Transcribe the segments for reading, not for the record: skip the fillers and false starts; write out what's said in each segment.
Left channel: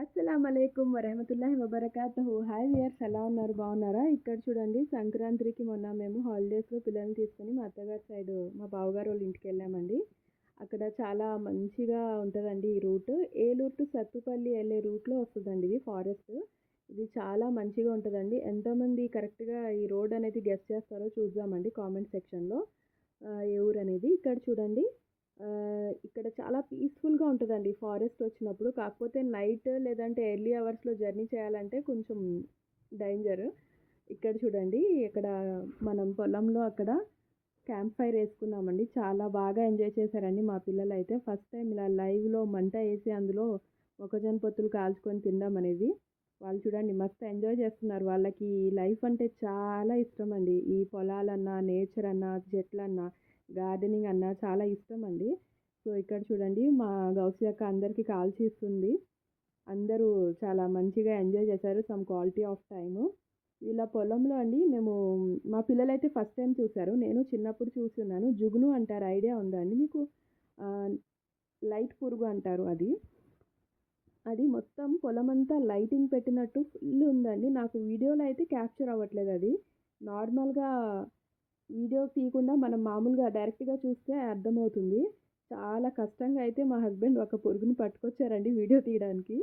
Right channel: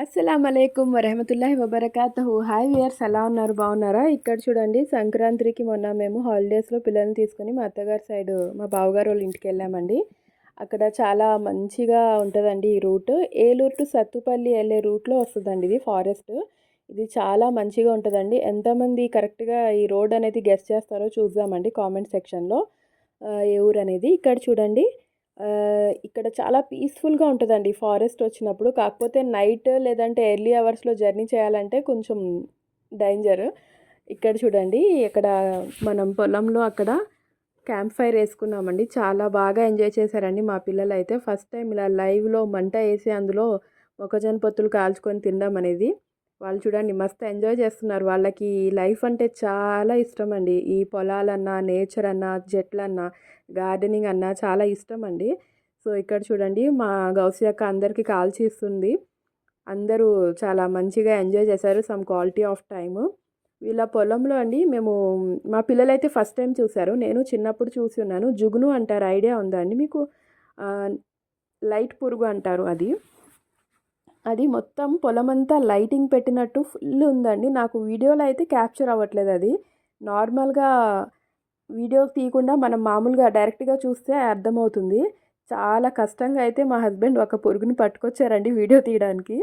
అస్సలామలైకుం వరహమతుల్లాహి వబర్కాతుహు. Hi viewers, ఎలా ఉన్నారు? బాగున్నారా? ఇక్కడ చూడండి, సంక్రాంతికి మొన్న మేము హాలిడేస్లో పిల్లల్ని తీసుకొని మా అత్తగారి సైడ్ మా బావగారు వాళ్ళ ఇంటికి వెళ్ళామండి. అక్కడ చాలా మంచిగా ఉంటుందండి ఈ రూట్. ఏలూరు టు సత్తుపల్లి వెళ్ళే రూట్లో వస్తుందండి ఇది ఫారెస్ట్. ఇది చాలా మంచిగా ఉంటుందండి. ఎంతమంది కరెక్ట్గా ఈ రోడ్ అనేది గెస్ చేస్తారో చూద్దామండి కామెంట్ సెక్షన్లో. ఏ ఊరు అనేది ఇక్కడ చూడండి. ఇక్కడ చాలా పీస్ఫుల్గా ఉంటుందండి ఫారెస్ట్ వచ్చినప్పుడు. కాకపోతే నైట్ లేదంటే ఎర్లీ అవర్స్లో జర్నీ చేయాలంటే కొంచెం డేంజర్. ఇక్కడ చూడండి, ఇక్కడ మనం పొలంలో అక్కడ క్యాంప్ ఫైర్ వేసుకున్నామండి. చాలా బాగా ఎంజాయ్ చేశారండి మా పిల్లలు అయితే. ఫస్ట్ టైం ఇలా లైవ్లో మంట వేసి అందులో మొక్కజొన్న పొత్తులు కాల్చుకొని తినడం అనేది. వాళ్ళు చూడండి మస్తు ఎంజాయ్ చేస్తున్నారు. వాళ్ళకి లైఫ్ అంటే చాలా ఇష్టం అండి. ఈ పొలాలన్నా, నేచర్ అన్నా, చెట్లన్నా, గార్డెనింగ్ అన్నా చాలా ఇష్టం అండి. సో ఇక్కడ చూడండి, మా గౌసియక్క అందరికీ కాల్చి ఇస్తుంది. అందరూ చాలా మంచిగా ఎంజాయ్ చేశారు. Some quality of time. వీళ్ళ పొలంలో అండి మేము, మా పిల్లలైతే ఫస్ట్ టైం చూశారు. నేను చిన్నప్పుడు చూసి ఉన్నాను. జుగును అంటారు, ఐడియా ఉందా అండి మీకు? లైట్ పురుగు అంటారు అది. అది మొత్తం పొలమంతా లైటింగ్ పెట్టినట్టు ఫుల్ ఉందండి. నాకు వీడియోలో అయితే క్యాప్చర్ అవ్వట్లేదు అది. నార్మల్గా వీడియో తీయకుండా మనం మామూలుగా డైరెక్ట్గా చూస్తే అర్థమవుతుంది. చాలా కష్టంగా అయితే మా హస్బెండ్ ఒక పురుగుని పట్టుకొచ్చారండి వీడియో తీయడానికి.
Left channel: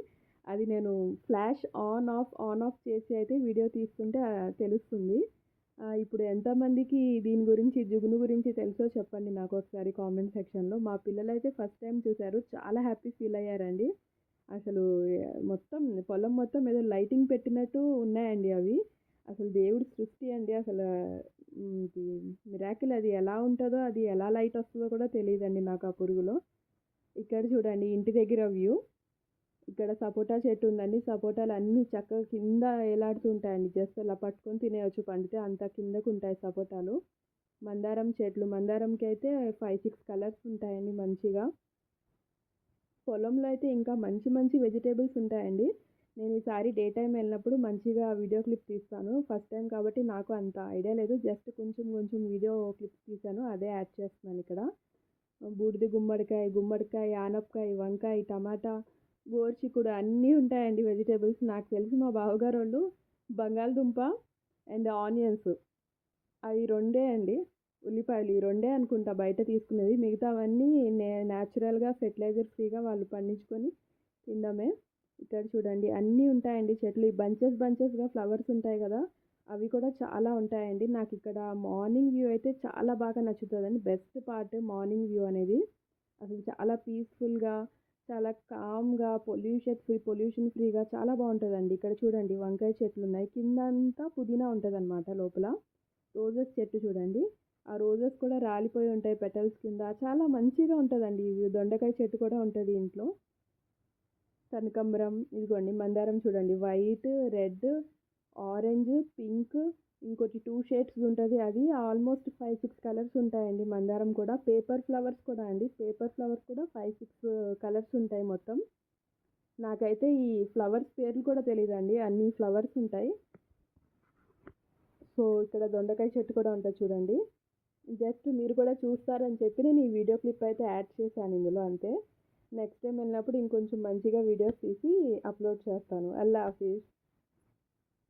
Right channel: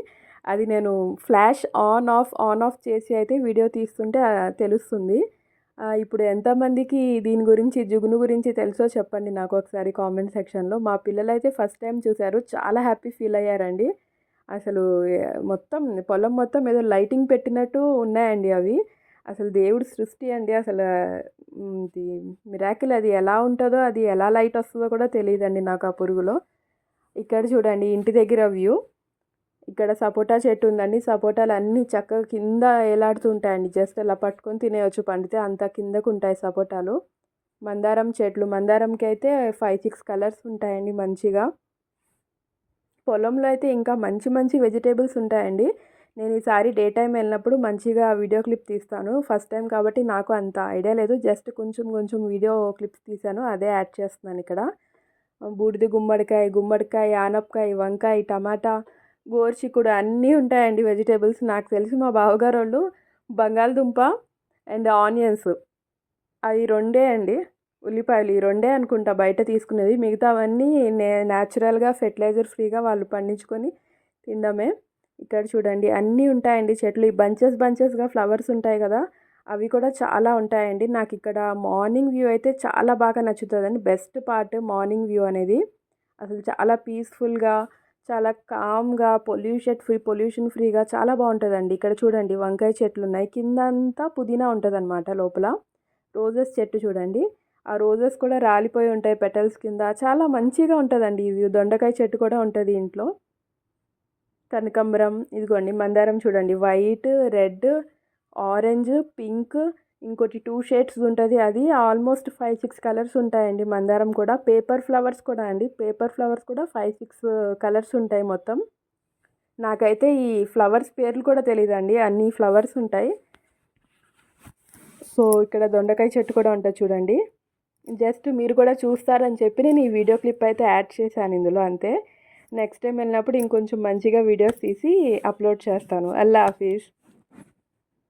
అది నేను ఫ్లాష్ ఆన్ ఆఫ్ చేసి అయితే వీడియో తీస్తుంటే తెలుస్తుంది. ఇప్పుడు ఎంతమందికి దీని గురించి, జుగును గురించి తెలుసో చెప్పండి నాకు ఒకసారి కామెంట్ సెక్షన్లో. మా పిల్లలైతే ఫస్ట్ టైం చూశారు, చాలా హ్యాపీ ఫీల్ అయ్యారండి. అసలు మొత్తం పొలం మొత్తం ఏదో లైటింగ్ పెట్టినట్టు ఉన్నాయండి అవి. అసలు దేవుడి సృష్టి అండి. అసలు ఇది మిరాకిల్. అది ఎలా ఉంటుందో, అది ఎలా లైట్ వస్తుందో కూడా తెలియదండి నాకు ఆ పురుగులో. ఇక్కడ చూడండి ఇంటి దగ్గర వ్యూ. ఇక్కడ సపోటా చెట్టు ఉందండి. సపోటాలు అన్నీ చక్కగా కింద ఏలాడుతుంటాయండి. జస్ట్ అలా పట్టుకొని తినేయచ్చు, పండితే అంత కిందకు ఉంటాయి సపోటాలు. మందారం చెట్లు, మందారంకి అయితే 5-6 కలర్స్ ఉంటాయండి మంచిగా. పొలంలో అయితే ఇంకా మంచి మంచి వెజిటేబుల్స్ ఉంటాయండి. నేను ఈసారి డే టైం వెళ్ళినప్పుడు మంచిగా వీడియో క్లిప్ తీస్తాను. ఫస్ట్ టైం కాబట్టి నాకు అంత ఐడియా లేదు. జస్ట్ కొంచెం కొంచెం వీడియో క్లిప్స్ తీశాను, అదే యాడ్ చేస్తున్నాను ఇక్కడ. బూడిద గుమ్మడికాయ, ఆనపకాయ, వంకాయ, టమాటా, గోరుచిక్కుడు అన్నీ ఉంటాయండి వెజిటేబుల్స్. నాకు తెలిసి మా బావగారు వాళ్ళు బంగాళదుంప అండ్ ఆనియన్స్, అవి రెండే అండి, ఉల్లిపాయలు ఈ రెండే అనుకుంటా బయట తీసుకునేది. మిగతావన్నీ న్యాచురల్గా ఫెర్టిలైజర్ ఫ్రీగా వాళ్ళు పండించుకొని తినడమే. ఇక్కడ చూడండి అన్నీ ఉంటాయండి చెట్లు. ఈ బంచెస్గా ఫ్లవర్స్ ఉంటాయి కదా, అవి కూడా చాలా ఉంటాయండి. నాకు ఇక్కడ మార్నింగ్ వ్యూ అయితే చాలా బాగా నచ్చుతుందండి. బెస్ట్ పార్ట్ మార్నింగ్ వ్యూ అనేది. అసలు చాలా పీస్ఫుల్గా, చాలా కామ్గా, పొల్యూషన్ ఫ్రీగా చాలా బాగుంటుందండి. ఇక్కడ చూడండి వంకాయ చెట్లు ఉన్నాయి, కింద అంతా పుదీనా ఉంటుంది అనమాట. లోపల రోజెస్ చెట్టు చూడండి, ఆ రోజెస్ కూడా రాలిపోయి ఉంటాయి పెటల్స్ కింద. చాలా మంచిగా ఉంటుందండి ఈ వ్యూ. దొండకాయ చెట్టు కూడా ఉంటుంది ఇంట్లో. కనకాంబరం, ఇదిగోండి మందారం చూడండి, వైట్, రెడ్, ఆరెంజ్, పింక్, ఇంకోటి 2 షేడ్స్ ఉంటుంది. అది ఆల్మోస్ట్ 5-6 కలర్స్ ఉంటాయండి మందారం కూడా. పేపర్ ఫ్లవర్స్ కూడా అండి, పేపర్ ఫ్లవర్స్ కూడా 5-6 కలర్స్ ఉంటాయి మొత్తం. నాకైతే ఈ ఫ్లవర్స్ పేర్లు కూడా తెలియదండి, అన్ని ఫ్లవర్స్ ఉంటాయి. సో ఇక్కడ దొండకాయ చెట్టు కూడా ఉంటుంది చూడండి. జస్ట్ మీరు కూడా చూస్తారని చెప్పి నేను ఈ వీడియో క్లిప్ అయితే యాడ్ చేశాను ఇందులో, అంతే. నెక్స్ట్ టైం వెళ్ళినప్పుడు ఇంకొంచెం మంచిగా వీడియోస్ తీసి అప్లోడ్ చేస్తాను. అల్లా హాఫీజ్.